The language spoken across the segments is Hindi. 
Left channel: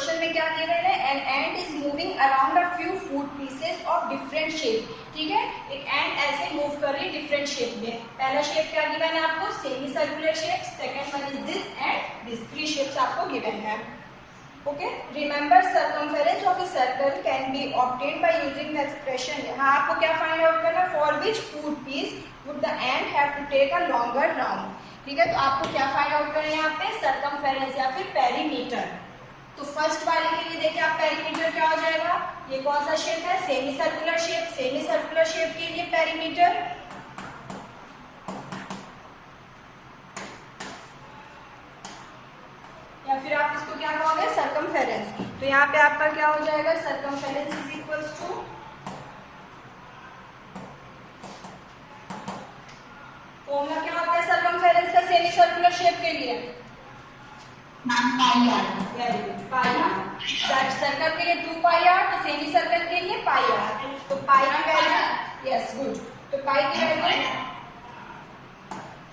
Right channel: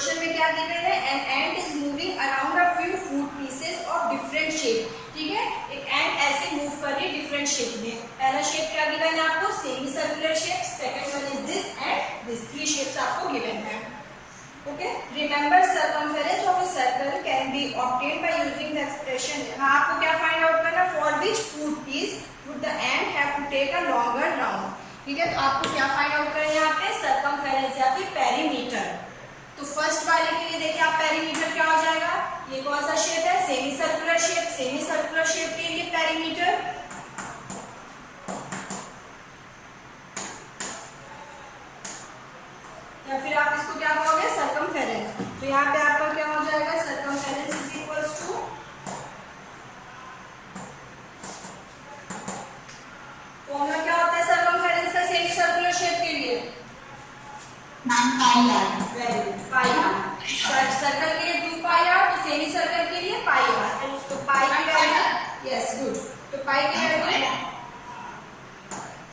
क्वेश्चन में क्या गिवन है, an ant is moving around a few food pieces of different shape. ठीक है, एक एंट ऐसे मूव कर रही है डिफरेंट शेप में। पहला शेप क्या गिवन है आपको, semi circular shape, second one is this and this, three shapes आपको गिवन है। Okay, remember circumference of a circle can be obtained by using the expression. हाँ, आपको क्या फाइंड आउट करना, for which food piece would the ant have to take a longer round. ठीक है, तो आपको क्या फाइंड आउट करना है यहाँ पे, सर्कमफेरेंस या फिर पेरीमीटर। तो फर्स्ट वाले के लिए देखिए आप, पेरीमीटर क्या हो जाएगा, ये कौन सा शेप है, semi circular shape. Semi circular shape के लिए पेरीमीटर या फिर आप इसको क्या कहोगे, सर्कमफेरेंस। तो यहाँ पे आपका क्या हो जाएगा, circumference is equals to, formula क्या होता है सर्कमफेरेंस का सेमी सर्कुलर शेप के लिए, very good, pi R. Circle के लिए 2 पाई आर, तो सेमी सर्कल के लिए पाई आर। तो पाई की वैल्यू, यस गुड, तो पाई की वैल्यू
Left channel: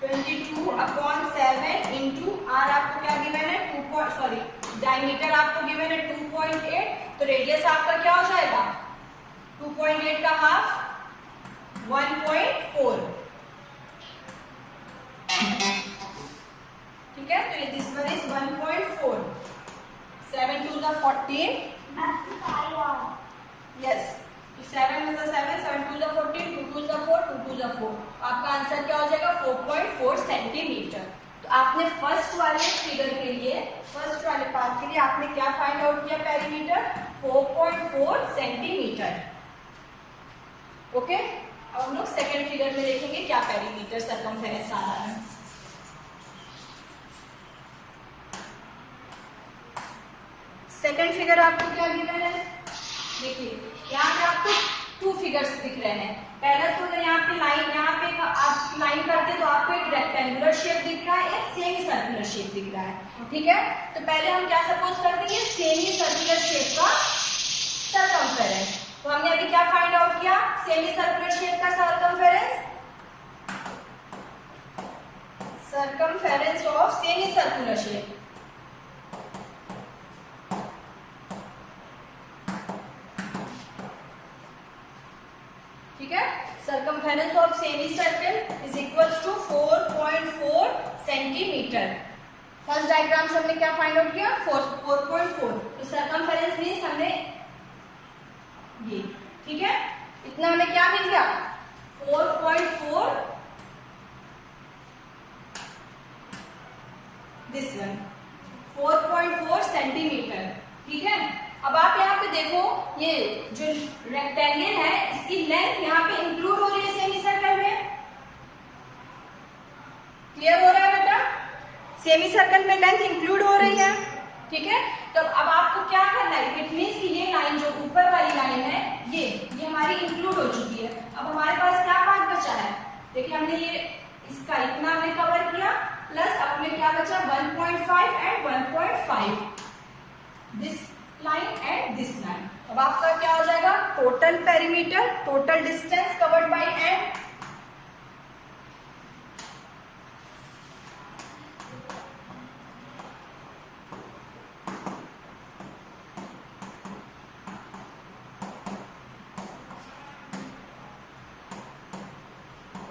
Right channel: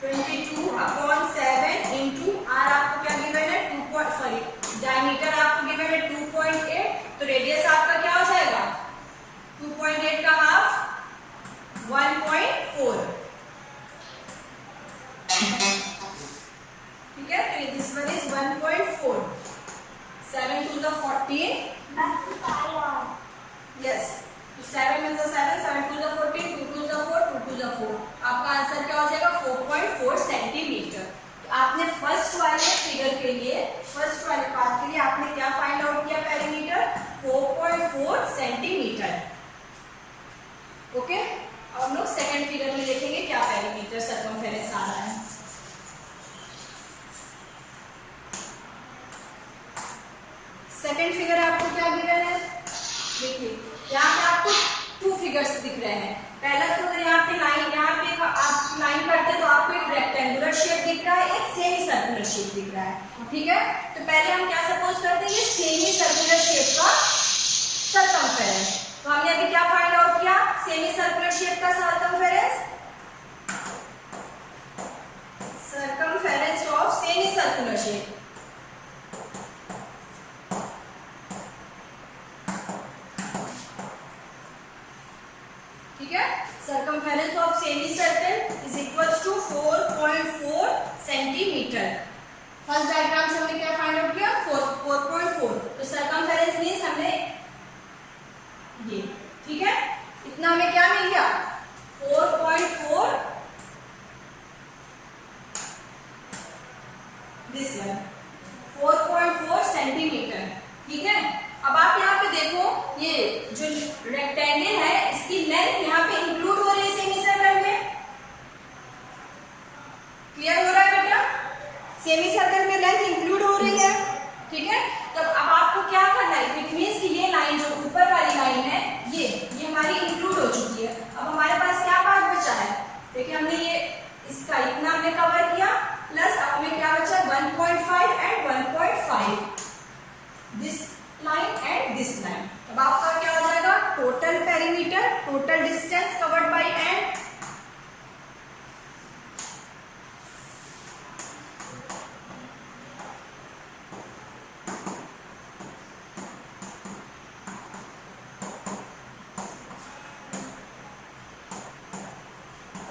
22/7 इंटू आर आपको क्या गिवन है, डायमीटर आपको गिवन है 2.8, तो रेडियस आपका क्या हो जाएगा, 2.8 का हाफ 1.4। ठीक है, तो this one is 1.4, 7 2 is 14, yes, 7 is 7, 7 2 is 14, 2 2 is 4, 2 2 is 4, आपका आंसर क्या हो जाएगा 4.4 सेंटीमीटर। तो आपने फर्स्ट वाले फिगर के लिए, फर्स्ट वाले पार्ट के लिए आपने क्या फाइंड आउट किया, पेरीमीटर 4.4 सेंटीमीटर। ओके, अब हम लोग सेकंड फिगर में देखेंगे क्या पेरीमीटर सर्कमफेरेंस आ रहा है। सेकंड फिगर आपको क्या गिवन है, देखिए यहाँ पे आपको 2 फिगर्स दिख रहे हैं। पहला तो अगर यहाँ पे लाइन, यहाँ पे आप लाइन करते तो आपको एक रेक्टेंगुलर शेप दिख रहा है, एक सेमी सर्कुलर शेप दिख रहा है। ठीक है, तो पहले हम क्या सपोज करते हैं, ये सेमी सर्कुलर शेप का सर्कमफेरेंस। तो हमने अभी क्या फाइंड आउट किया, सेमी सर्कुलर शेप का circumference, circumference of semi circular shape. ठीक है, circumference of semi circle is equals to 4.4 centimetre. First diagram से हमने क्या फाइंड आउट किया, 4.4, तो सर्कमफेरेंस मींस हमने ये, ठीक है, इतना हमें क्या मिल गया, 4.4, दिस वन 4.4 सेंटीमीटर। ठीक है, अब आप यहाँ पे देखो, ये जो रेक्टेंगल है इसकी लेंथ यहाँ पे इंक्लूड हो रही है सेमी सर्कल में, क्लियर हो रहा है बेटा, सेमी सर्कल में लेंथ इंक्लूड हो रही है। ठीक है, तो अब आपको क्या करना है, इट मींस कि ये लाइन जो ऊपर वाली लाइन है ये हमारी इंक्लूड हो चुकी है। अब हमारे पास क्या पार्ट बचा है, देखिए हमने ये इसका इतना हमने कवर किया, प्लस अपने क्या बचा 1.5 and 1.5, this line and this line. अब आपका क्या हो जाएगा, total perimeter, total distance covered by and,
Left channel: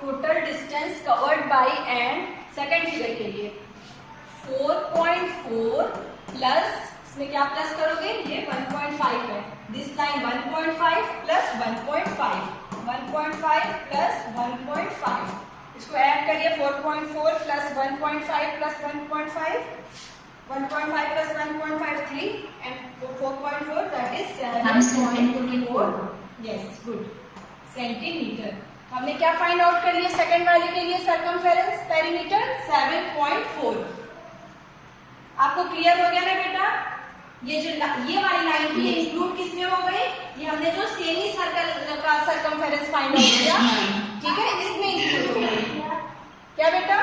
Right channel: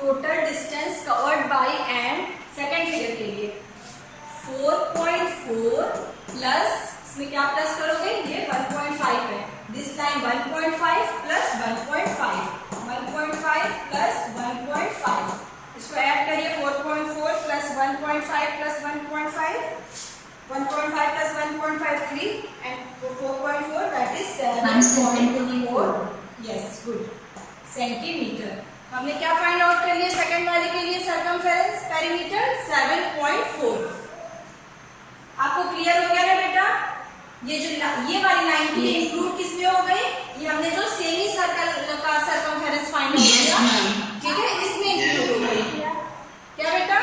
total distance covered by and second figure के लिए 4.4 प्लस, इसमें क्या प्लस करोगे, ये 1.5 है, दिस लाइन 1.5 प्लस 1.5, 1.5 प्लस 1.5, इसको ऐड करिए 4.4 plus 1.5 plus 1.5, 1.5 plus 1.5 3 and 4.4 that is 7.4, yes good, centimetre. हमने क्या फाइंड आउट कर लिया सेकंड वाले के लिए, सर्कमफेरेंस पेरीमीटर 7.4। आपको क्लियर हो गया ना बेटा, ये जो ये वाली लाइन भी इंक्लूड किसमें हो गई, ये हमने जो सेमी सर्कल का सर्कमफेरेंस फाइंड आउट किया, ठीक है, इसमें इंक्लूड हो गई। क्या बेटा,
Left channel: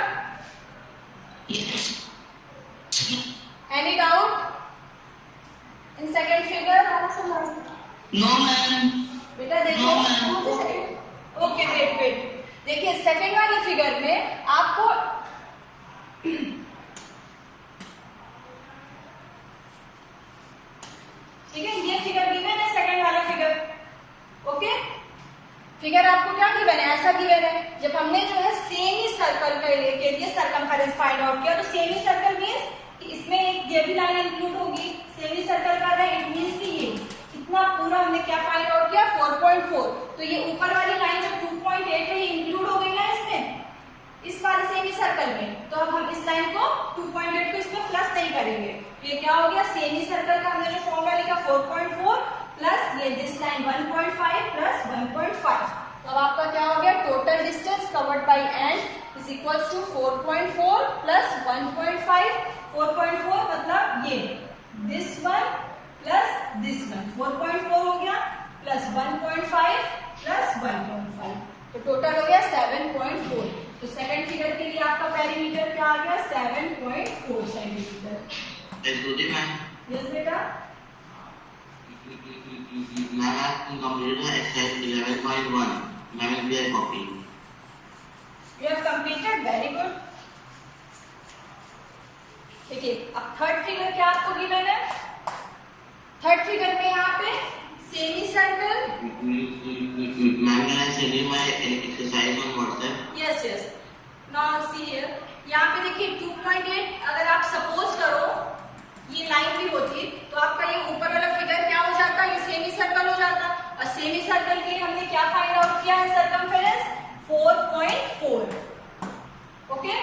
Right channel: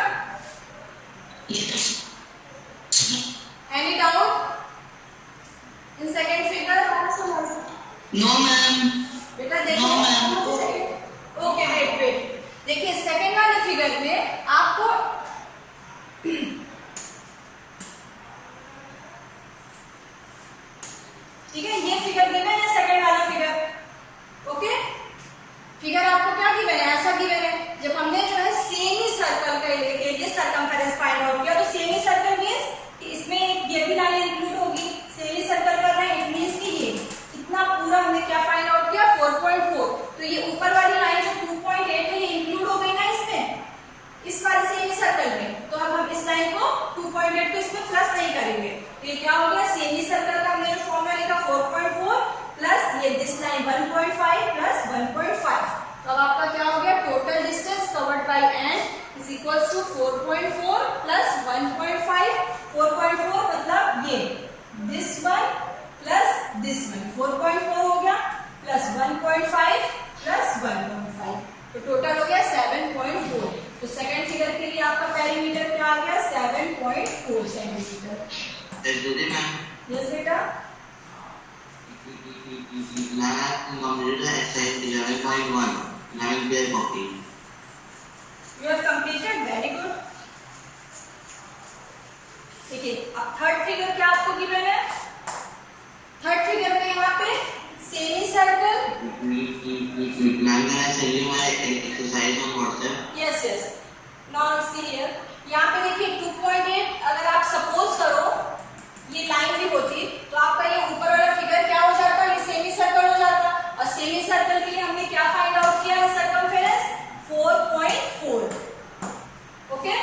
any doubt in second figure? No ma'am. बेटा देखो, ओके वेट, देखिए सेकंड वाले फिगर में आपको 4.4, तो ये ऊपर वाली लाइन जो 2.8 है ये इंक्लूड हो गई ना इसमें, इस वाले सेमी सर्कल में। तो अब हम इस लाइन को 2.8 को इसमें प्लस नहीं करेंगे, तो ये क्या हो गया, सेमी सर्कल का हमने जो फॉर्मूला लिखा 4.4 प्लस ये दिस लाइन 1.5 प्लस 1.5। अब आपका क्या हो गया, total distance covered by ant is equals to 4.4 plus 1.5। 4.4 मतलब ये this one plus this one, 4.4 हो गया प्लस 1.5 प्लस 1.5, तो टोटल हो गया 7.4। तो सेकंड फिगर के लिए आपका पेरीमीटर क्या आ गया, 7.4 सेंटीमीटर। यस बेटा, मैम आपने completed exercise 11.1 11 pair copy. You have completed, very good. देखिए अब थर्ड फिगर क्या आपको गिवन है, थर्ड फिगर में यहाँ पे semi circle. Ma'am can I send you my exercise on WhatsApp? Yes yes, now see here, यहाँ पे देखिए 2.8 अगर आप सपोज करो ये लाइन भी होती तो आपका ये ऊपर वाला फिगर क्या हो जाता, ये सेमी सर्कल हो जाता। और सेमी सर्कल के लिए हमने क्या फाइंड आउट किया है, सर्कमफेरेंस 4.4। ओके,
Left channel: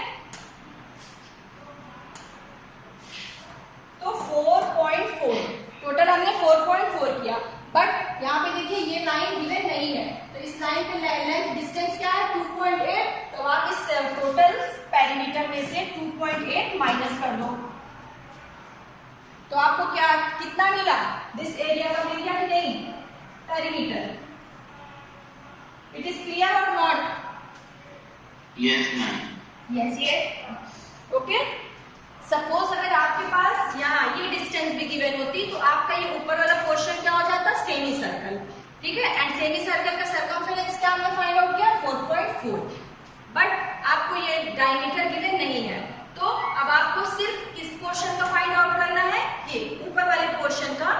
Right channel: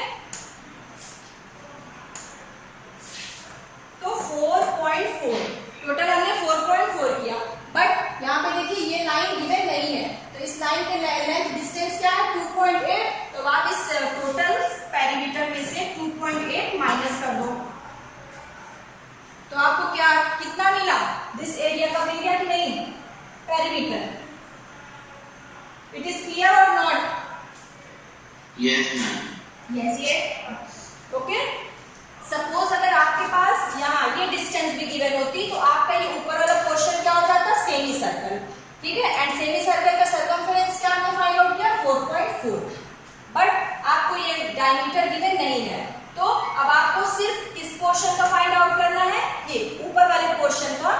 तो 4.4 टोटल हमने 4.4 किया, बट यहाँ पे देखिए ये लाइन गिवन नहीं है, तो इस लाइन के लेंथ डिस्टेंस क्या है 2.8, तो आप इस टोटल पेरीमीटर में से 2.8 माइनस कर दो, तो आपको क्या कितना मिला, दिस एरिया का मिल गया कि नहीं पेरीमीटर। इट इज क्लियर और not? Yes ma'am. Yes yes, okay. Suppose अगर आपके पास यहाँ ये डिस्टेंस भी गिवन होती तो आपका ये ऊपर वाला पोर्शन क्या हो जाता, सेमी सर्कल, ठीक है। एंड सेमी सर्कल का सर्कमफेरेंस क्या हमने फाइंड आउट किया 4.4, बट आपको ये डायमीटर गिवन नहीं है, तो अब आपको सिर्फ किस पोर्शन का फाइंड आउट करना है, ये ऊपर वाले पोर्शन का,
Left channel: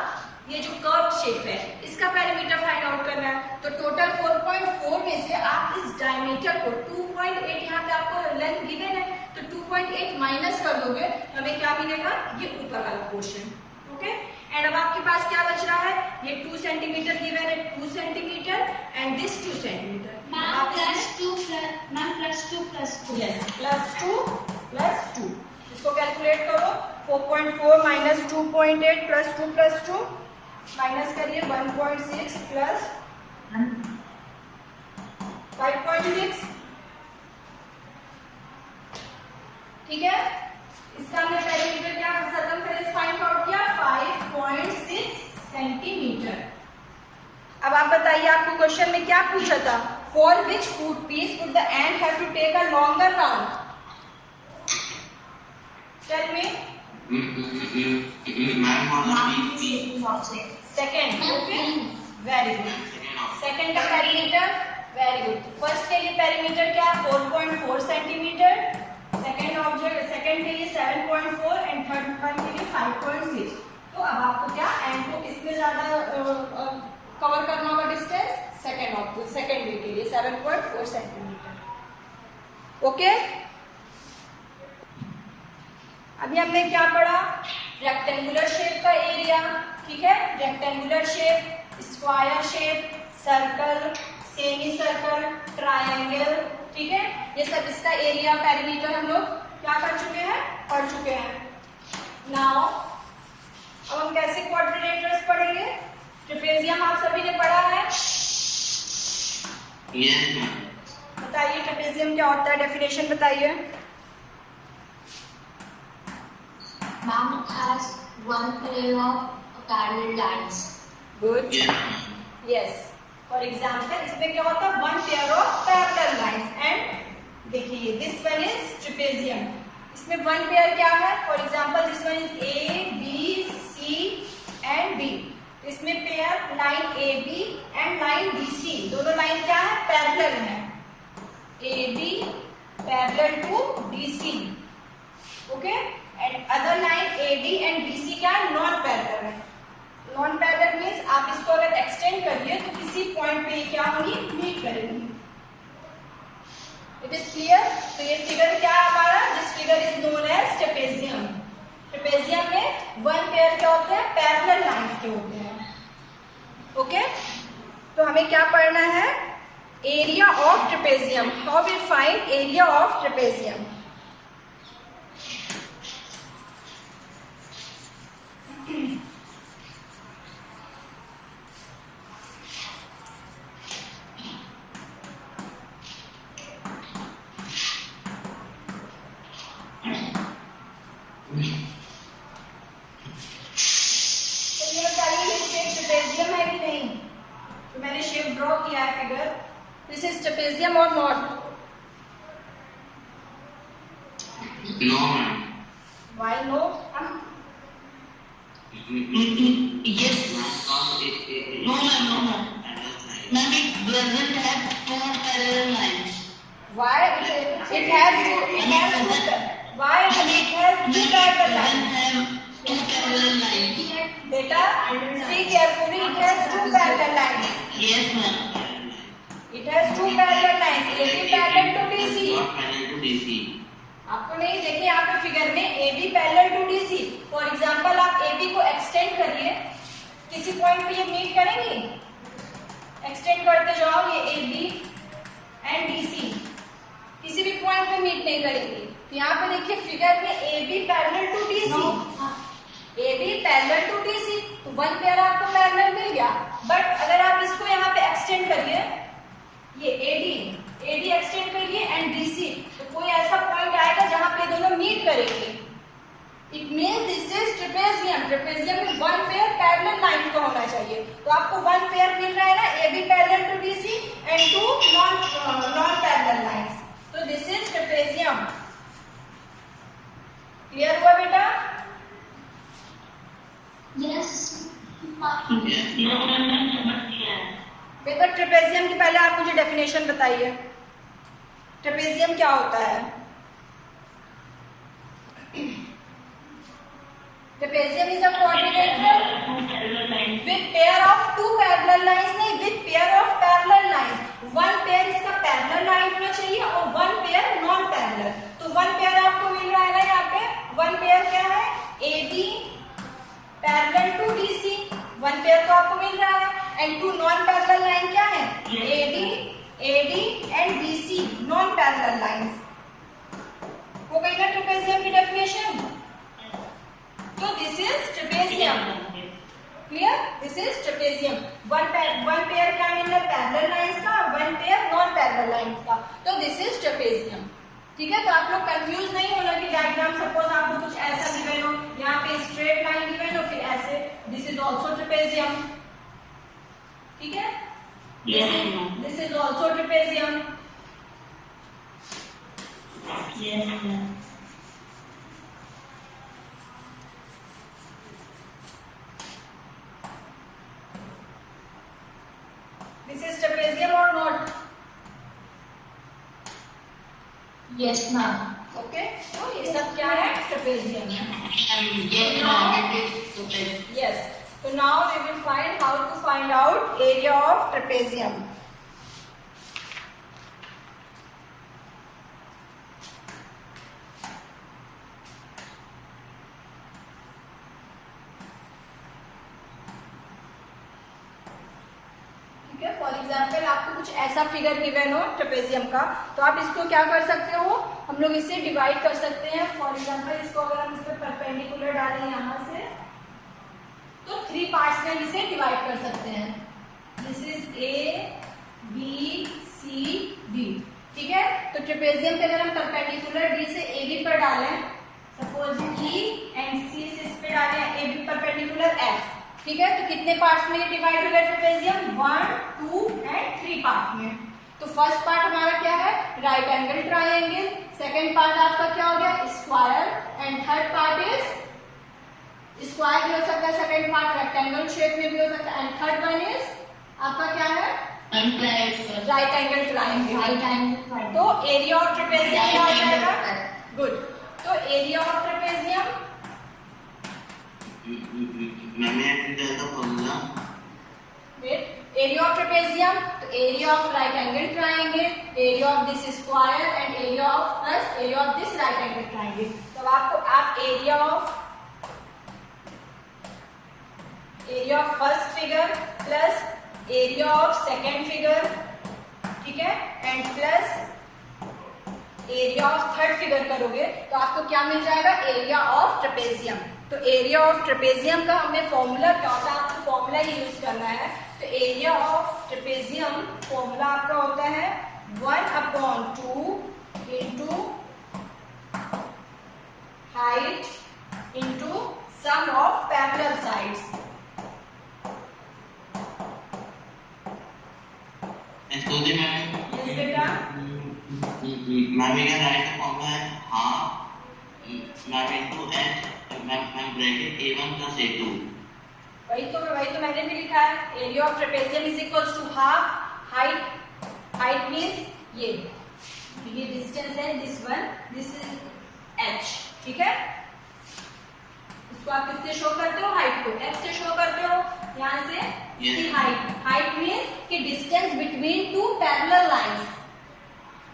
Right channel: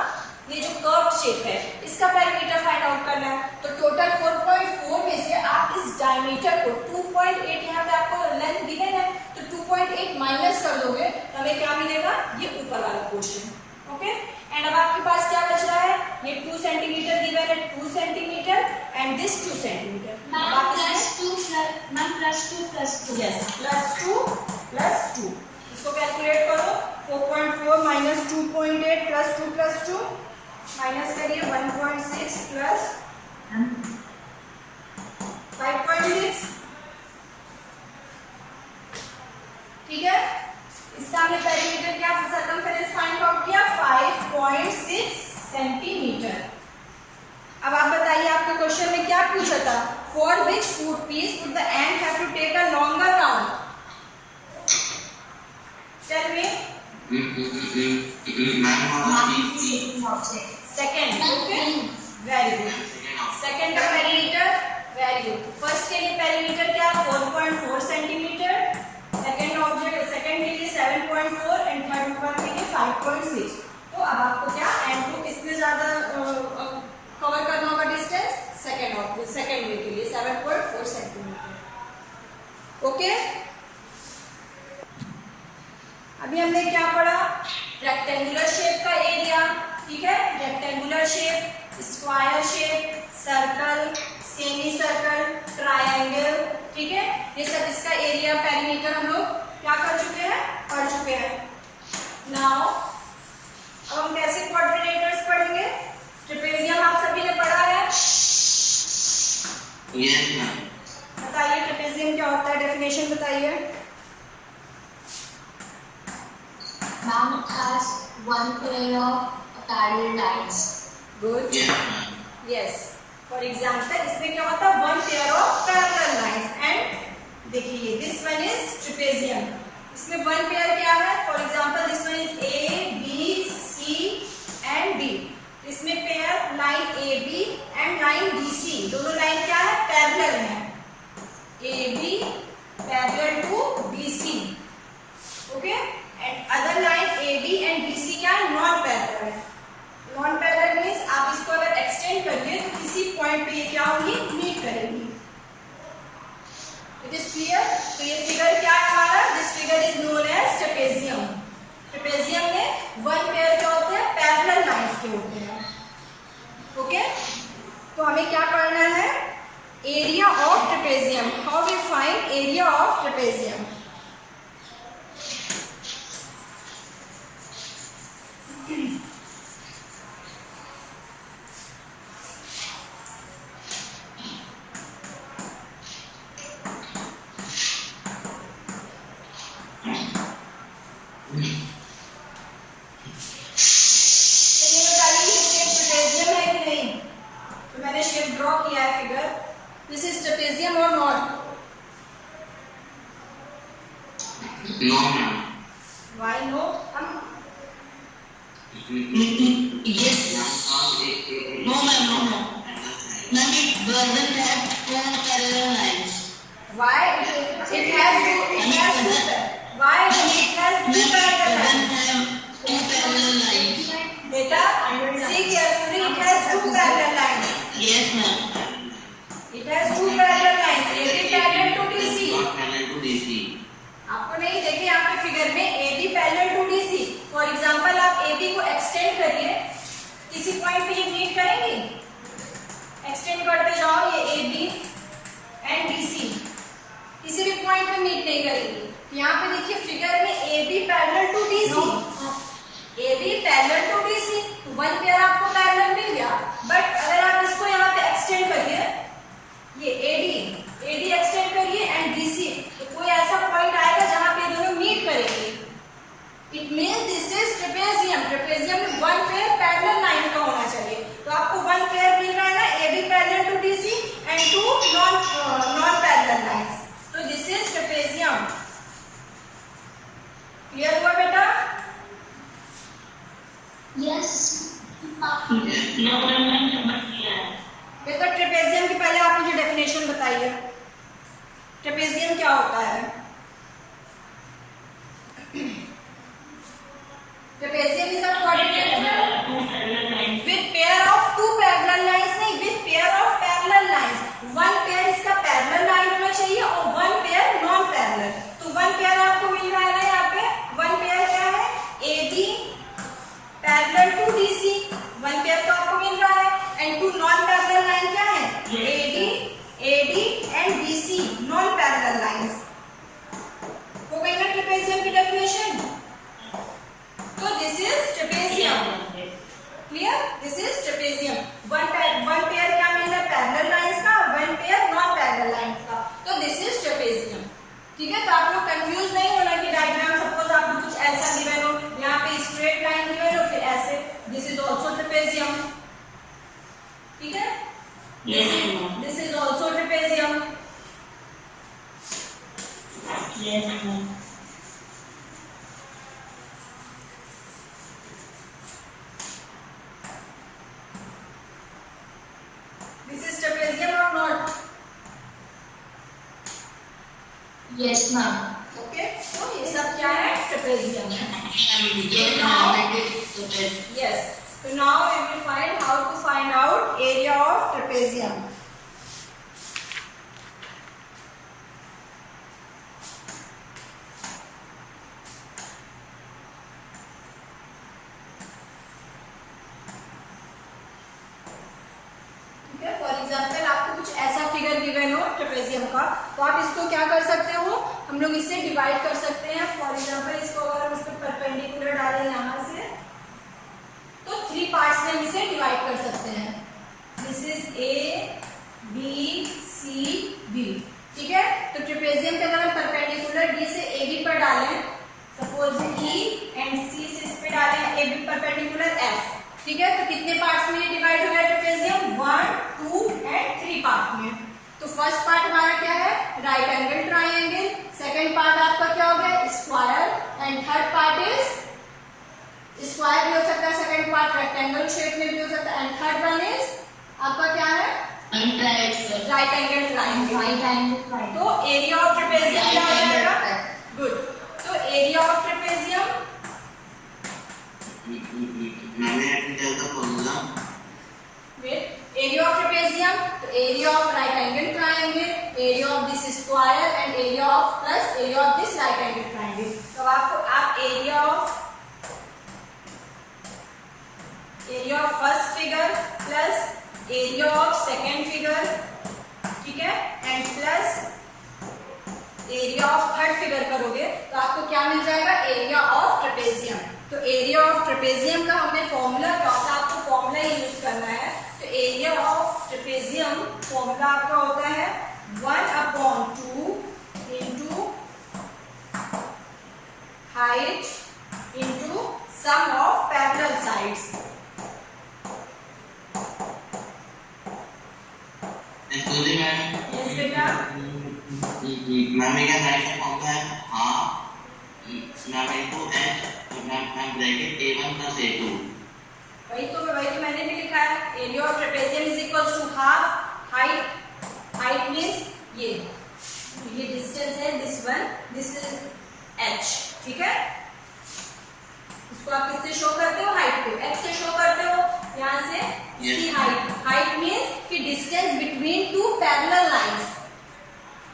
ये जो कर्व शेप है इसका पेरीमीटर फाइंड आउट करना है। तो टोटल 4.4 में से आप इस डायमीटर को 2.8, यहाँ पे आपको लेंथ गिवन है तो 2.8 माइनस कर दोगे तो हमें क्या मिलेगा, ये ऊपर वाला पोर्शन। ओके, एंड अब आपके पास क्या बच रहा है, ये 2 सेंटीमीटर गिवन है, 2 centimetre and this 2 centimetre. Yes, plus 2 इसको कैलकुलेट करो, 4.4 माइनस 2.8 प्लस 2 माइनस करिए 1.6 प्लस 5.6, ठीक है। इसका हमने पेरीमीटर क्या सर्कमफेरेंस फाइंड आउट किया 5.6 सेंटीमीटर। अब आप बताइए, आपको क्वेश्चन में क्या पूछा था, for which food piece would the ant have to take a longer round? Tell me. Second, okay, very good. Second का पेरीमीटर, वेरी गुड। फर्स्ट के लिए पेरीमीटर क्या 4.4 सेंटीमीटर, सेकंड ऑब्जेक्ट सेकंड के लिए 7.4 एंड थर्ड वन के लिए 5.6। तो अब आपको क्या एंड को किसमें ज्यादा कवर करना होगा डिस्टेंस, सेकंड ऑब्जेक्ट सेकंड वे के लिए 7.4 सेंटीमीटर। ओके, अभी हमने क्या पढ़ा, रेक्टेंगुलर शेप का एरिया, ठीक है, rectangular shape, square shape, circle, semi circle, triangle, ठीक है, ये सब इसका एरिया पेरीमीटर हम लोग क्या कर चुके हैं, पढ़ चुके हैं। नाउ अब हम कैसे क्वाड्रिलेटरस पढ़ेंगे, ट्रेपेजियम आप सभी ने पढ़ा है? Yes ma'am. बताइए ट्रेपेजियम क्या होता है, डेफिनेशन बताइए। Ma'am, it has one pair of parallel lines. Good. Yes ma'am. Yes. For example, इसमें क्या होता है, one pair of parallel lines and देखिए this one is trapezium. इसमें one pair क्या है? For example, this one is A, B, C and D. इसमें pair line AB and line DC. दोनों लाइन क्या है, पैरेलल है। AB parallel to DC. Okay? And other line AD and DC क्या है, नॉन पैरेलल है। नॉन पैरेलल मीन्स आप इसको अगर एक्सटेंड करिए तो किसी पॉइंट पे ये क्या होगी, मीट करेंगी। It is clear? तो ये फिगर क्या है हमारा, this figure is known as trapezium. Trapezium में वन पेयर क्या होते हैं, पैरेलल लाइंस के होते हैं। ओके, तो हमें क्या पढ़ना है? Area of trapezium. How we find area of trapezium? Draw किया है फिगर. दिस इज ट्रेपेजियम और not? No, ma'am. Why no? Yes. No, ma'am. No, ma'am. Ma'am, it doesn't have two parallel lines. Why it has two? Why it has two parallel lines? Doesn't have two parallel lines. Beta, see carefully. It has two parallel lines. Yes, ma'am. It has two parallel lines. AB parallel to DC. Not parallel to DC. आपको नहीं देखे यहाँ पे फिगर में AB parallel to DC. For example आप AB को एक्सटेंड करिए, किसी पॉइंट पे ये मीट करेंगे. एक्सटेंड करते जाओ, ये AB एंड DC किसी भी पॉइंट पे मीट नहीं करेंगी. तो यहाँ पे देखिए फिगर में AB parallel to DC. AB parallel to DC, तो वन पेयर आपको पैरेलल मिल गया. बट अगर आप इसको यहाँ पे एक्सटेंड करिए, ये AD एक्सटेंड करिए एंड DC, तो कोई ऐसा पॉइंट आएगा जहां पे दोनों मीट करेंगे. It means this is trapezium. Trapezium में वन पेयर पैरेलल लाइन का होना चाहिए. तो आपको वन पेयर मिल रहा है ना, AB parallel to DC and two non parallel lines. तो दिस इज ट्रेपेजियम. क्लियर हुआ बेटा? Yes. No, बेटा ट्रेपेजियम की पहले आप मुझे डेफिनेशन बताइए. ट्रेपेजियम क्या होता है? Trapezium is a quadrilateral with pair of two parallel lines. नहीं, with pair of parallel lines. One pair इसका पैरेलल लाइन होना चाहिए और वन पेयर नॉन पैरेलल. तो वन पेयर आपको मिल रहा है ना यहाँ पे. वन पेयर क्या है? AB parallel to DC. One pair तो आपको मिल रहा है. And two non parallel line क्या है? AD and BC non parallel lines. हो गई ना ट्रेपेजियम की डेफिनेशन? तो this is trapezium. Clear? This is trapezium. One pair क्या मिल रहा है? पैरेलल लाइंस का. One pair non parallel lines का. तो दिस इज ट्रेपेजियम. ठीक है? तो आप लोग कंफ्यूज नहीं होना कि डायग्राम सपोज आपको कुछ ऐसा गिवन हो, यहाँ पे स्ट्रेट लाइन गिवन हो, फिर ऐसे. This is also trapezium. ठीक है? This is also trapezium. Yes, ma'am. This is trapezium or not? Yes, ma'am. Okay. तो ये सब क्या है? Trapezium. Yes, ma'am. It is trapezium. Yes. So now we will find how to find out area of trapezium. ठीक है? फॉर एग्जाम्पल आपको कुछ ऐसा फिगर गिवन हो ट्रेपेजियम का, तो आप इसको क्या कर सकते हो? हम लोग इसे डिवाइड कर सकते हैं. फॉर एग्जाम्पल इसको अगर हम इस पर परपेंडिकुलर डालें यहाँ से, तो 3 पार्ट्स में हम इसे डिवाइड कर सकते हैं. This is A B C D. ठीक है? तो ट्रेपेजियम पे अगर हम परपेंडिकुलर D से AB पर डालें, सपोज E एंड C से इस पे डालें AB परपेंडिकुलर F. ठीक है? तो कितने पार्ट्स में ये डिवाइड हो गया ट्रेपेजियम? 1 2 एंड 3 पार्ट में. तो फर्स्ट पार्ट हमारा क्या है? Right angle triangle. Second part आपका क्या हो गया? Square. And third part is square भी हो सकता है, सेकंड पार्ट रेक्टेंगल शेप में भी हो सकता है. एंड थर्ड वन इज आपका क्या है? Right angle triangle. Right angle triangle. तो एरिया ऑफ ट्रेपेजियम क्या हो जाएगा? गुड. तो एरिया ऑफ ट्रेपेजियम, मैंने tell the formula. Wait. Area of trapezium, तो area of right angle triangle, area of this square and area of plus area of this right angle triangle. तो आपको आप area of first figure plus area of second figure, ठीक है, and plus area of third figure करोगे तो आपको क्या मिल जाएगा, एरिया ऑफ ट्रेपेजियम। तो एरिया ऑफ ट्रेपेजियम का हमें फॉर्मूला क्या होता है, आपको फॉर्मूला ही यूज करना है। तो एरिया ऑफ ट्रेपेजियम फॉर्मूला आपका होता है 1/2 into height into sum of parallel sides. Actually ma'am, yes बेटा, ma'am we can write the formula as half ma'am into h ma'am bracket a1 plus a2। वही तो मैंने भी लिखा है, area of trapezium is equals to half height means ये डिस्टेंस है, this one, this is h, ठीक है। इसको आप किससे शो करते हो, हाइट को x से शो करते हो, यहाँ से इसकी हाइट मींस कि distance between two parallel lines.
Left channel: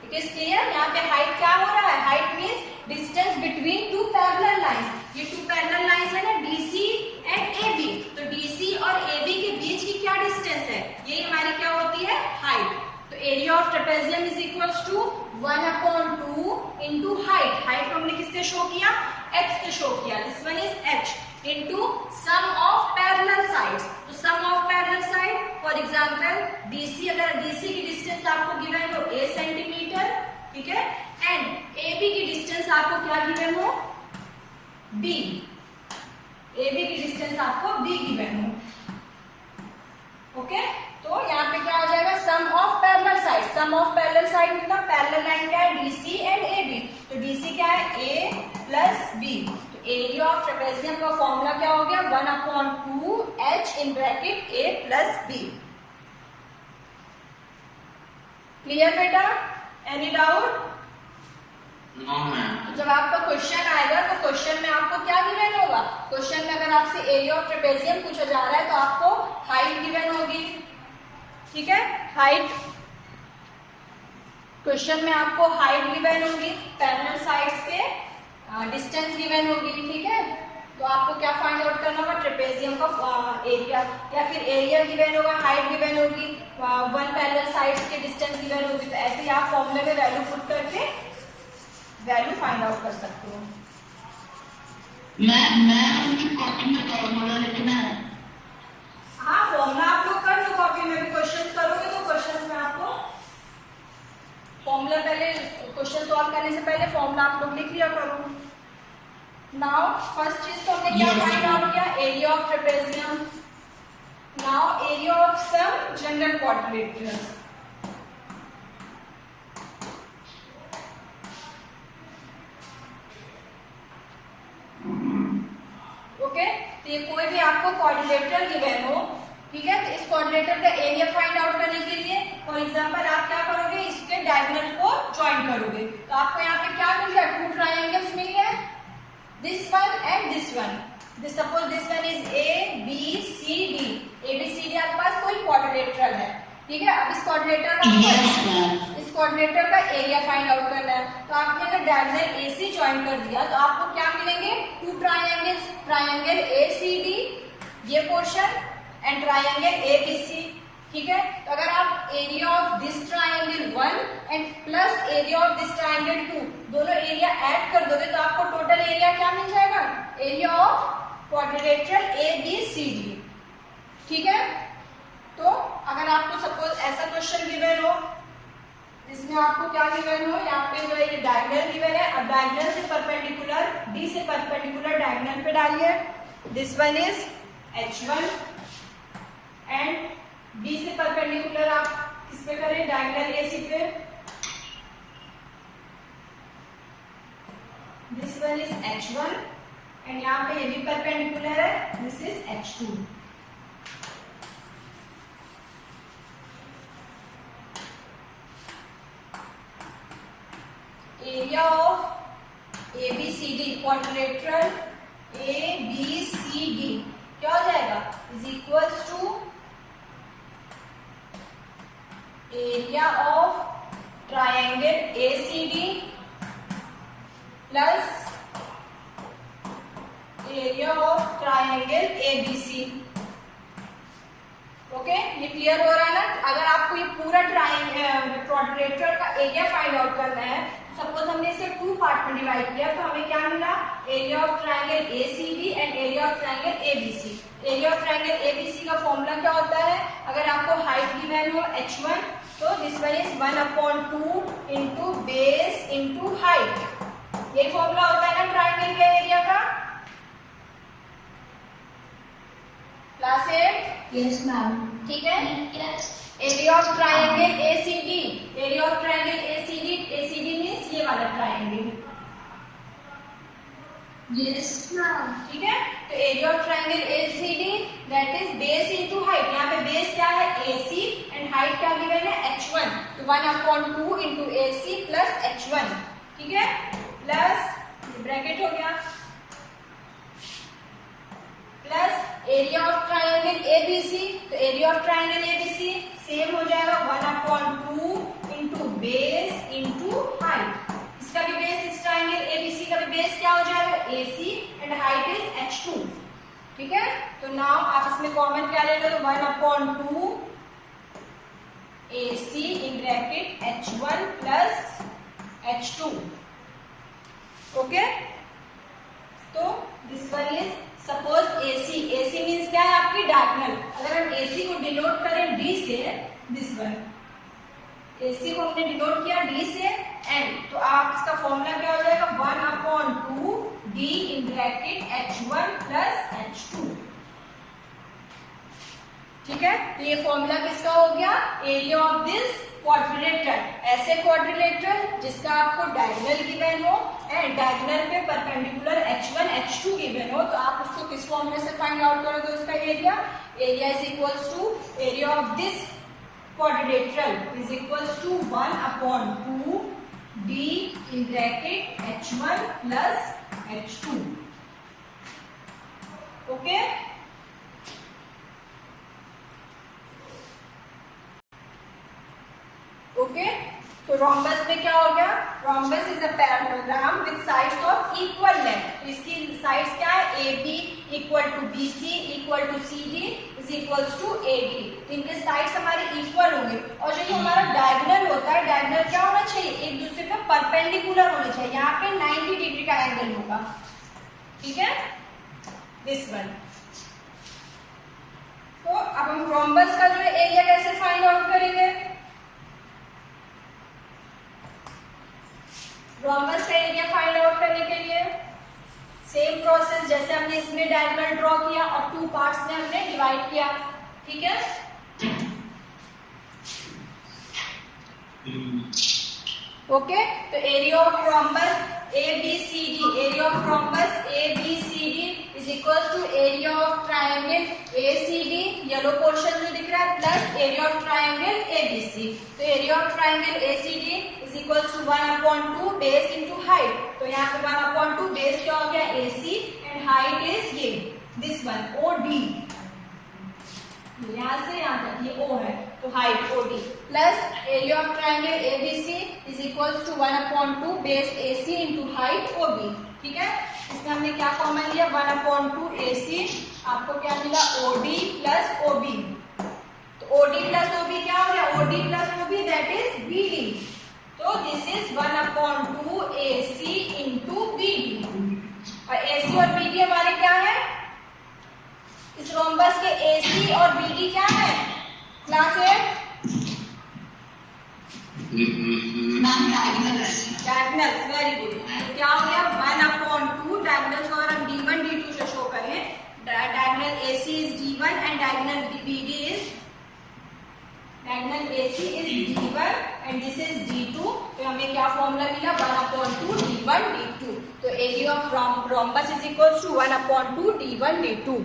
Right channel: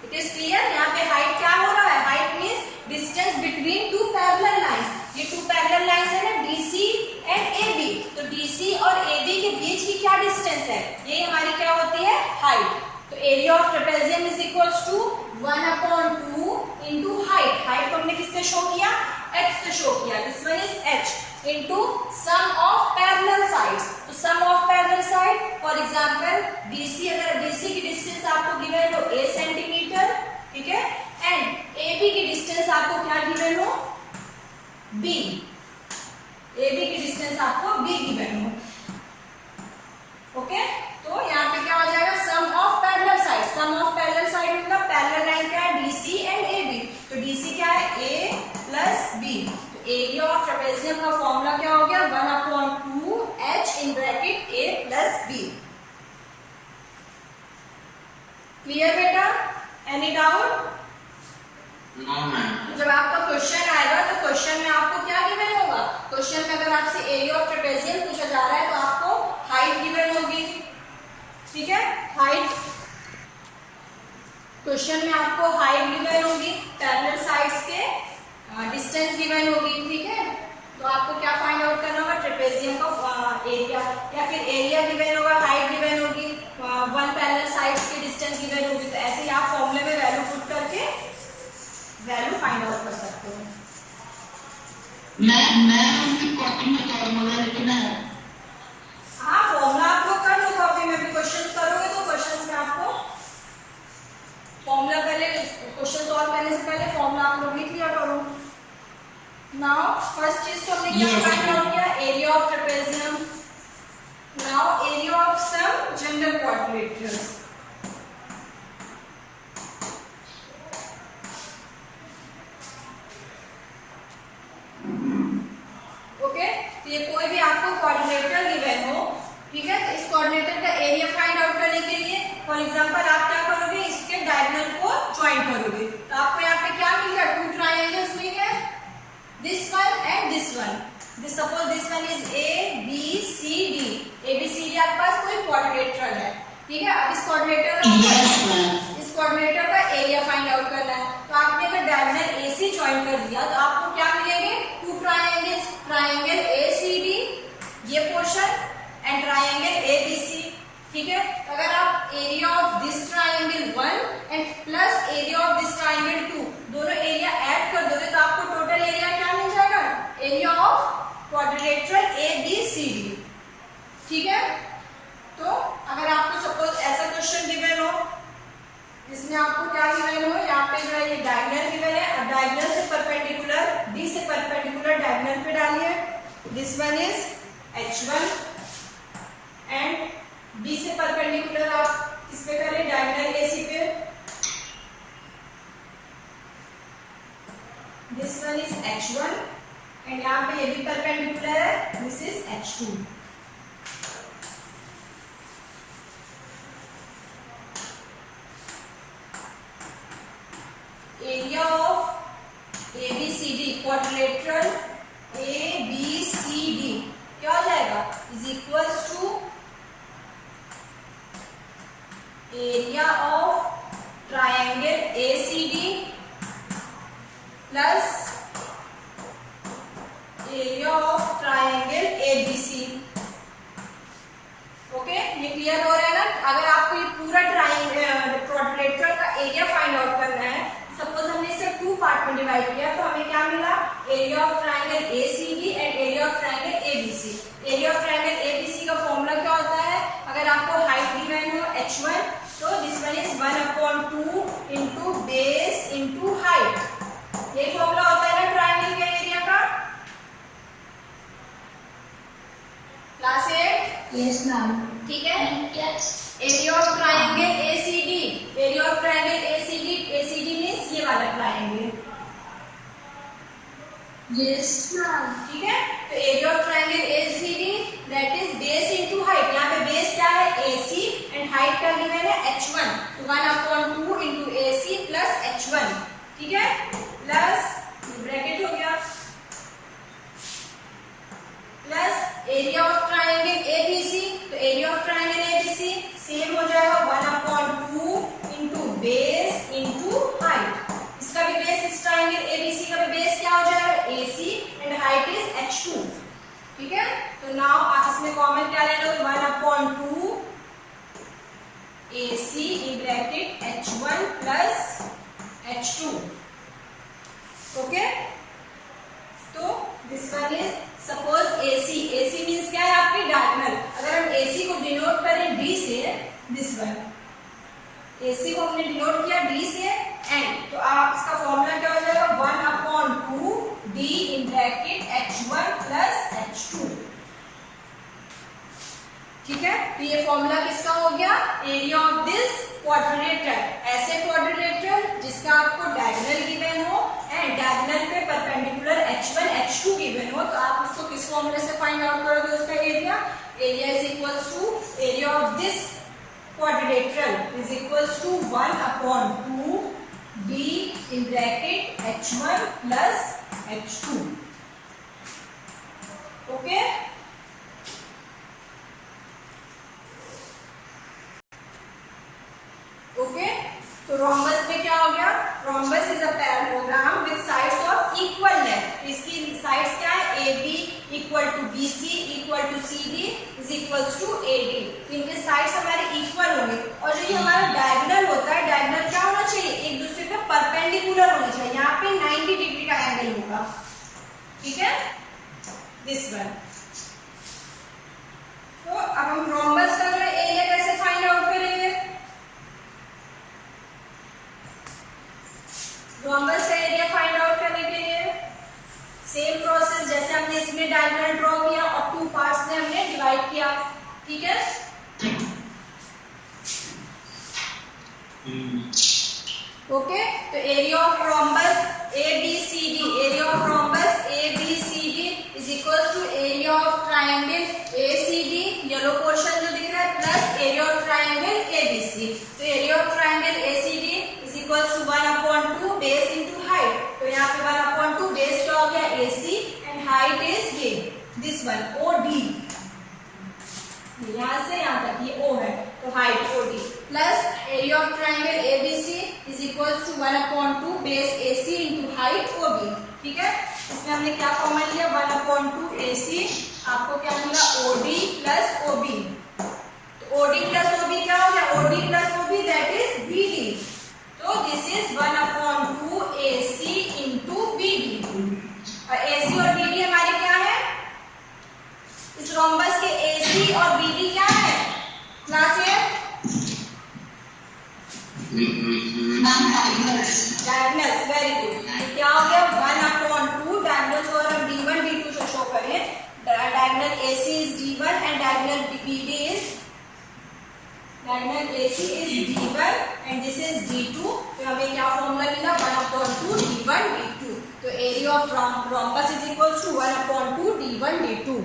It is clear, यहाँ पे हाइट क्या हो रहा है, height means distance between two parallel lines. ये टू पैरेलल लाइंस है ना, DC एंड AB, तो DC और AB के बीच की क्या डिस्टेंस है, ये हमारी क्या होती है, हाइट। तो area of trapezium is equals to 1/2 into height. Height को हमने किससे शो किया, h से शो किया, this one is h, into sum of parallel sides. तो sum of parallel side, for example DC, अगर DC की डिस्टेंस आपको गिवन हो a सेंटीमीटर, ठीक है, एंड AB की डिस्टेंस आपको क्या गिवन हो, B, AB की डिस्टेंस आपको B गिवन हो, ओके। तो यहाँ पे क्या हो जाएगा, sum of parallel side. Sum of parallel side मतलब पैरेलल लाइन क्या है, DC एंड AB। तो DC क्या है, A प्लस B। तो एरिया ऑफ ट्रेपेजियम का फॉर्मूला क्या हो गया, 1/2 h in bracket A plus B। Clear बेटा, एनी डाउट? No ma'am. जब आपका क्वेश्चन आएगा तो क्वेश्चन में आपको क्या गिवन होगा, क्वेश्चन में अगर आपसे एरिया ऑफ ट्रेपेजियम पूछा जा रहा है तो आपको हाइट गिवन होगी, ठीक है, हाइट। क्वेश्चन में आपको हाइट गिवन होगी, पैरेलल साइड्स के डिस्टेंस गिवन होगी, ठीक है। तो आपको क्या फाइंड आउट करना होगा, ट्रेपेजियम का एरिया, या फिर एरिया गिवन होगा, हाइट गिवन होगी, वन पैरेलल साइड्स की डिस्टेंस गिवन होगी। तो ऐसे ही आप फॉर्मूले में वैल्यू पुट करके वैल्यू फाइंड आउट कर सकते हो। मैं उनकी कॉपी में फॉर्मूला लिखना है। हाँ, फॉर्मूला आप लोग कर लो, कॉपी में भी क्वेश्चन करोगे तो क्वेश्चंस में आपको फॉर्मूला, पहले क्वेश्चन सॉल्व करने से पहले फॉर्मूला आप लोग लिख लिया करो। नाउ फर्स्ट चीज तो हमने क्या फाइंड आउट किया, area of trapezium. Now area of some general quadrilaterals. Okay, तो ये कोई भी आपको क्वाड्रिलेटरल गिवन हो, ठीक है, तो इस क्वाड्रिलेटरल का एरिया फाइंड आउट करने के लिए फॉर एग्जांपल आप क्या करोगे, इसके डायगोनल को ज्वाइन करोगे। तो आपको यहाँ पे क्या मिल गया, टू ट्रायंगल्स मिल गए, this one and this one. Suppose this one is ABCD, ABCD आपके पास कोई क्वाड्रिलेटरल है, ठीक है। अब इस क्वाड्रिलेटरल का एरिया फाइंड आउट करना है। तो आपने अगर डायगोनल AC ज्वाइन कर दिया तो आपको क्या मिलेंगे, टू ट्रायंगल्स, ट्रायंगल ACD ये पोर्शन एंड ट्रायंगल ABC, ठीक है। तो अगर आप area of this triangle 1 and plus area of this triangle 2 दोनों एरिया ऐड कर दोगे तो आपको टोटल एरिया क्या मिल जाएगा, एरिया ऑफ क्वाड्रिलेटरल ABCD, ठीक है। तो अगर आपको सपोज ऐसा क्वेश्चन गिवन हो जिसमें आपको क्या गिवन हो, यहाँ पे जो ये डायगोनल गिवन है, अब डायगोनल से परपेंडिकुलर, D से परपेंडिकुलर डायगोनल पे डालिए, this one is H1 and B से परपेंडिकुलर आप किस पे करें, डायगोनल AC पे, this one is H1 and यहाँ पे ये भी परपेंडिकुलर है, this is H2। Area of ABCD, quadrilateral ABCD क्या हो जाएगा, is equals to area of triangle ACD plus area of triangle ABC, okay. ये क्लियर हो रहा है ना। अगर आपको ये पूरा क्वाड्रिलेटरल का एरिया फाइंड आउट करना है, सपोज हमने इसे 2 पार्ट में डिवाइड किया, तो हमें क्या मिला, area of triangle ACD and area of triangle ABC। Area of triangle ABC का फॉर्मूला क्या होता है, अगर आपको हाइट गिवन हो h1, तो this one is 1/2 into base into height. ये फॉर्मूला होता है ना ट्राइंगल के एरिया का। क्लास 8? Yes, ma'am. ठीक है। Yes. Area of triangle ACD, area of triangle ACD means ये वाला ट्राइंगल। Yes, ma'am. ठीक है, तो area of triangle ACD that is base into height. यहाँ पे बेस क्या है AC एंड हाइट का गिवन है h1, तो 1/2 इंटू AC प्लस h1। ठीक है, प्लस ये ब्रैकेट हो गया, plus area of triangle ABC, तो area of triangle ABC same हो जाएगा 1/2 इंटू बेस इंटू हाइट। इसका भी बेस, इस ट्राइंगल ABC का भी बेस क्या हो जाएगा AC and height is h2। ठीक है, तो नाउ आप इसमें कॉमन क्या ले लो, 1/2 AC in bracket h1 plus h2। Okay, तो this one is suppose AC means क्या है आपकी डायगोनल। अगर हम AC को डिनोट करें D से, दिस वन AC को हमने डिनोट किया D से एंड, तो आप इसका फॉर्मूला क्या हो जाएगा, 1/2 D in bracket h1 plus h2। ठीक है, तो ये फॉर्मूला किसका हो गया, एरिया ऑफ दिस क्वाड्रिलेटरल। ऐसे क्वाड्रिलेटरल जिसका आपको डायगोनल गिवन हो एंड डायगोनल पे परपेंडिकुलर h1 h2 गिवन हो, तो आप उसको किस फॉर्मूले से फाइंड आउट करोगे उसका area. Area is equals to area of this quadrilateral is equals to 1/2 D in bracket h1 plus h2। Okay, okay, तो रोम्बस में क्या हो गया, rhombus is a parallelogram with sides of equal length. इसकी साइड्स क्या है, AB equal to BC equal to CD is equals to AD। तो इनके साइड्स हमारे इक्वल होंगे, और जो ये हमारा डायगोनल होता है, डायगोनल क्या होना चाहिए, एक दूसरे के परपेंडिकुलर होना चाहिए। यहाँ पे 90 डिग्री का एंगल होगा। ठीक है, दिस वन। तो अब हम रोम्बस का जो एरिया कैसे फाइंड आउट करेंगे, रोम्बस का एरिया फाइंड आउट करने के लिए सेम प्रोसेस जैसे हमने इसमें डायगोनल ड्रॉ किया और 2 पार्ट्स में हमने डिवाइड किया। ठीक है, ओके, तो area of rhombus ABCD, area of rhombus ABCD is equal to area of triangle ACD, yellow portion जो दिख रहा है, plus area of triangle ABC। तो area of triangle ACD is equal to 1/2 base into height. तो यहाँ पे 1/2 बेस क्या हो गया AC एंड हाइट इज ये दिस वन OD। यहाँ से यहाँ तक ये O है, तो height OD plus area of triangle ABC is equal to 1/2 base AC into height OB। ठीक है, इसमें हमने क्या कॉमन लिया, 1/2 AC, आपको क्या मिला OD प्लस OB। तो OD प्लस OB क्या हो गया, OD plus OB that is BD। तो this is 1/2 AC into BD, और AC और BD हमारी क्या है, इस रोम्बस के AC और BD क्या है, क्लास 8 डायगोनल्स। वेरी गुड, तो क्या हो गया 1/2 डायगोनल्स, और हम D1 D2 से शो करें, diagonal AC is D1 and diagonal BD is, diagonal AC is D1 and this is D2। तो हमें क्या फॉर्मूला मिला, 1/2 D1 D2। तो area of rhombus is equal to 1/2 D1 D2।